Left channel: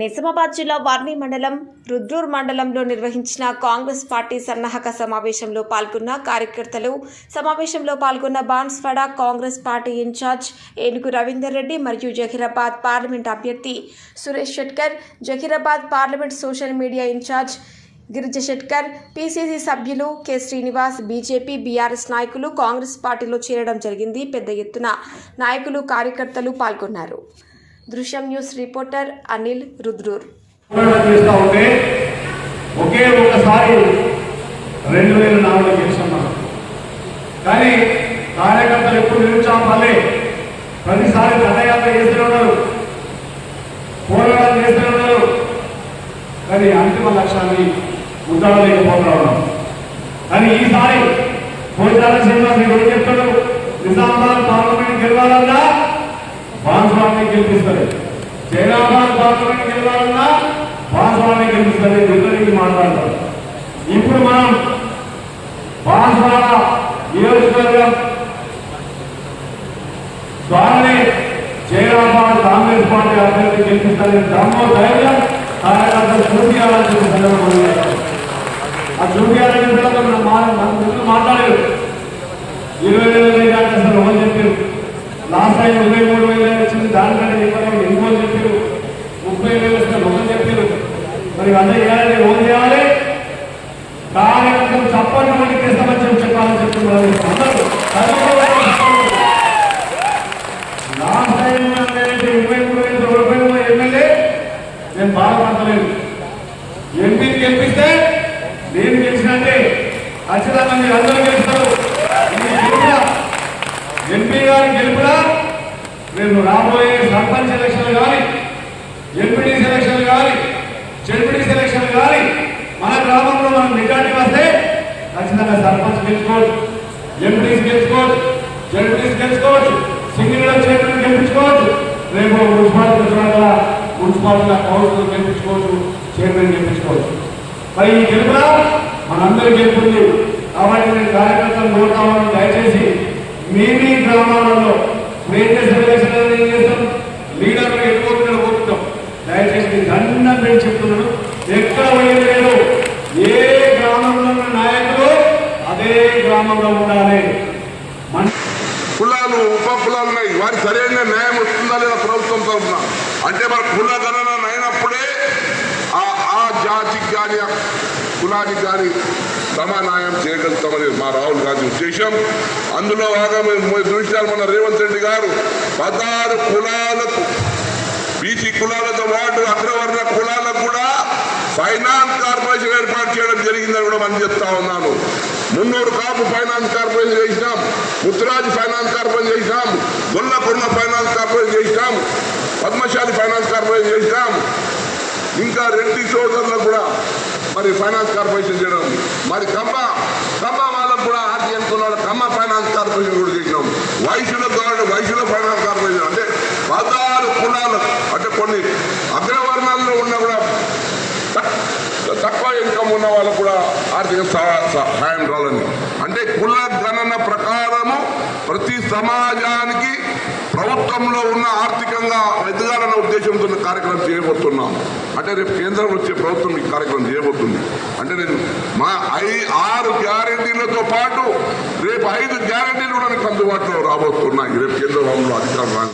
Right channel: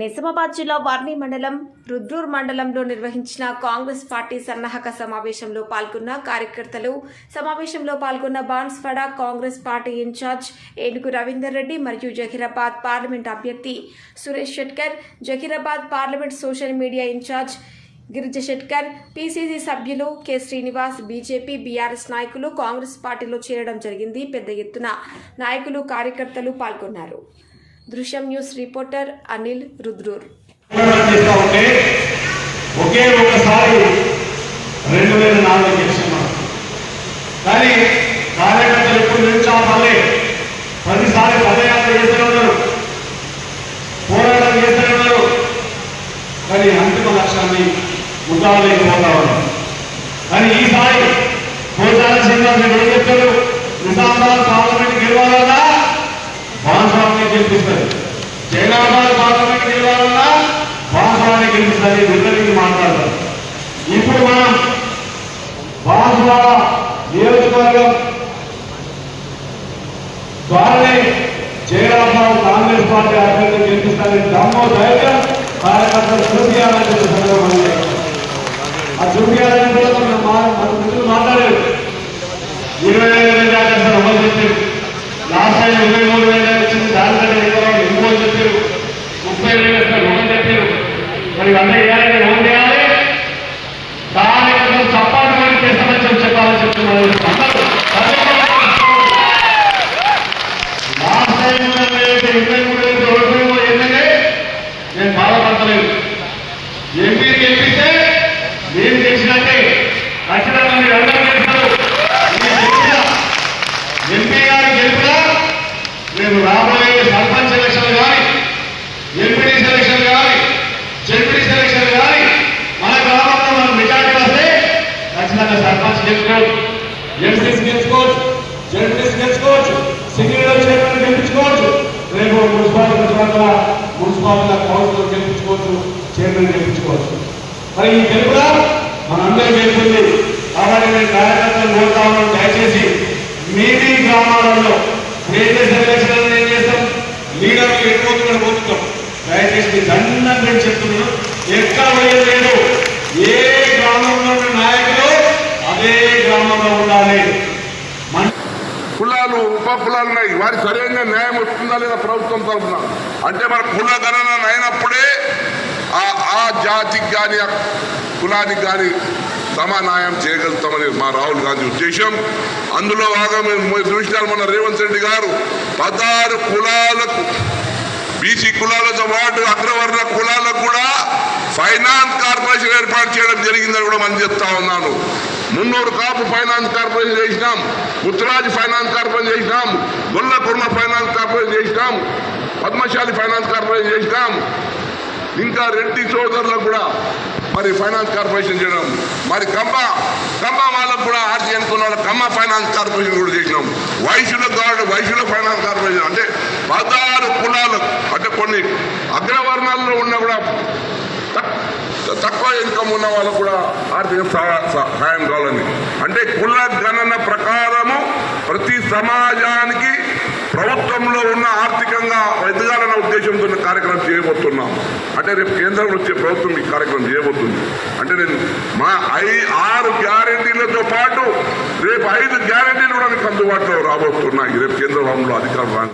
నిజామాబాద్ జిల్లా వర్ణి మండలం రుద్రూర్ మండలంలో నిర్వహించిన కాంగ్రెస్ పార్టీ సన్నాహక సమావేశంలో పాల్గొన్న కార్యకర్తలు సమావేశంలో పాల్గొన్న బాన్స్వాడ కాంగ్రెస్ పార్టీ ఇన్ఛార్జ్ ఏనుగు రవీందర్ రెడ్డి మరియు జహీరాబాద్ పార్లమెంట్ అభ్యర్థి Suresh Shetkar Zaheerabad parliament social media in charge Girija Shetkar PCC సభ్యులు కె శ్రీనివాస్ బీజేపీ బీఆర్ఎస్ నాయకులు కాంగ్రెస్ పార్టీలో చేరడం జరిగింది. పెద్ద ఎత్తున నాయకులు కార్యకర్తలు పాల్గొన్నారు. Drishyam news reporter Anil Rudrur. ఒకే ఒకసారి రెండు వేల నాలుగు గెలిచినాం కానీ కార్యకర్తలు ఎప్పుడు నిలిచాం ప్రతిసారి పదయాత్ర చేస్తూ ఉన్నారు. పోరాటం చేస్తూ ఉన్నారు. కానీ అంతిమ లక్ష్యాన్ని ముద్దాలేకపోతా ఉన్నారు. కానీ ఈసారి కోచాల శ్రీనివాస్ రెడ్డి ఏం చెప్తారు నిజామాబాద్ పార్లమెంట్ గెలవాలన్నా బాన్స్వామిని గెలిపిస్తారు జైనాబాద్ పార్లమెంట్ గెలవాలన్నా బాన్స్వామిని గెలిపిస్తారు వివరించి మాట్లాడతారు. ఇప్పుడు మనం బాన్స్వాడ నియోజకవర్గం ద్వారానే జైనాబాద్ కాంగ్రెస్ పార్టీ అభ్యర్థి గెలిపిస్తారని దమ్ము ధైర్యం కార్యకర్తలు చూపించాలని చెప్పి సందర్భంగా ఆ చూపించాలని కూడా మన మిత్రులు మాట్లాడారు ఇరవై వేల రెండు లాస్ట్ టైం ఇరవై మూడు వేల వచ్చింది దానికంటే ఎక్కువ ఇంకోటి చెప్పారు ముప్పై వేలు వేస్తారు రుణం చెప్పారు. మరి ఇవన్నీ ఇవ్వాలి ఏం చేయాలి? కార్యక్రమం చప్పాలు పెట్టి చేస్తామని చెప్పి చెప్పాలని చెప్తున్నారు అందరూ లాస్ట్ టైం ఇరవై మూడు ఏంటంటే నేను బాధపడతలేదు. ఎంపీ గెలిపిస్తే నేను చేసినట్టే. ఖచ్చితంగా మీరు అందరూ రేపు రాబోయే సర్పంచ్ ఎలక్షన్లు కానీ ఎంపీటీ సెలక్షన్లు కానీ జెడ్పీడీ సెలక్షన్లు కానీ మన గ్రామంలో మనం మెజార్టీ వస్తే ఖచ్చితంగా సర్పంచ్ గెలుచుకోవచ్చు. ఎంపీస్ గెలుచుకోవచ్చు జడ్పీస్ గెలుచుకోవచ్చు సింగిల్ చైర్మన్ గెలిపించుకోవచ్చు. రేపు మున్సిపాలిటీ తర్వాత మున్సిపాలిటీ కౌన్సిలర్ గెలిపించుకోవచ్చు చైర్మన్ గెలిపించుకోవచ్చు. మరి ఈ గెలుపున మనందరూ గెలుపుంది. కాబట్టి మేము కార్యకర్తలు కోరుతా ఉన్నాం దయచేసి మీ మీ గ్రామాలలో ఎక్కడ పోయలేదు. ఏ గ్రామంలో ఉన్న నాయకులు అదే గ్రామంలో ఉండాలి. కులాలు ఉప కులాలు ఉన్నాయి. వారికి సరైన న్యాయం వస్తుందా లేదా ప్రభుత్వం తరఫున? అంటే మన కుల గణన అయినప్పుడే ఆ ఆ జాతికి కానీ ఆ కులానికి కానీ సమాన్యాయం చేయగలుగుతామని మా రాహుల్ గాంధీ ఉద్దేశం. అందులో భాగంగా చూసినారు మన రేవంత్ రెడ్డి గారు. పదహారు కులాలకు బీసీ కులాలతో పాటు అగ్రవర్ణ కులాలకు కూడా ఫైనాన్స్ కార్పొరేషన్ ఏర్పాటు చేయడం జరిగిందని కూడా మనం చెప్తా ఉన్నాను. మున్నూరు కాపు ఫైనాన్స్ కార్పొరేషన్ చేసినాం ముత్తురాజు ఫైనాన్స్ కార్పొరేషన్ చేసినాం గొల్లకుర్మ ఫైనాన్స్ కార్పొరేషన్ చేసినాం పద్మశాలి ఫైనాన్స్ కార్పొరేషన్ చేసినాం ఇంకా రెడ్డి సోదరులకు కూడా మరి ఫైనాన్స్ కార్పొరేషన్ చేయడం. మరి కమ్మ కమ్మ వాళ్ళకు కూడా ఆర్టీ అనుకున్న వాళ్ళ కమ్మ ఫైనాన్స్ కార్పొరేషన్ కూడా చేసినాం. వైశ్యులకు కాబట్టి వైశ్యుల ఫైనాన్స్ కార్పొరేషన్ అంటే పదహారు కులాలకు అంటే కొన్ని అగ్రవర్ణాల్లో ఉన్న కూడా తక్- తక్కువ ఇన్కమ్ ఉన్న వాళ్ళకు కూడా ఆర్థిక సహాయం కావాలని. అంటే కుల గణన ప్రకారము ప్రతి సమాజానికి ప్రభుత్వంలో ఉన్న ఆర్థికంగా ఎదగాలన్న ఉద్దేశంతో కార్యక్రమం చేయబోతున్నాం. అంటే రేపు కేంద్రం వచ్చే ప్రభుత్వం ఈ కార్యక్రమం చేయబోతుంది. అంటే నేను మా ఐ ఆరు గ్యారెంటీలతో పాటు రేపు ఐదు గ్యారెంటీలు కూడా అందుబాటులో రాబోతున్నాయి. రేపు కేంద్రంలో అధికారం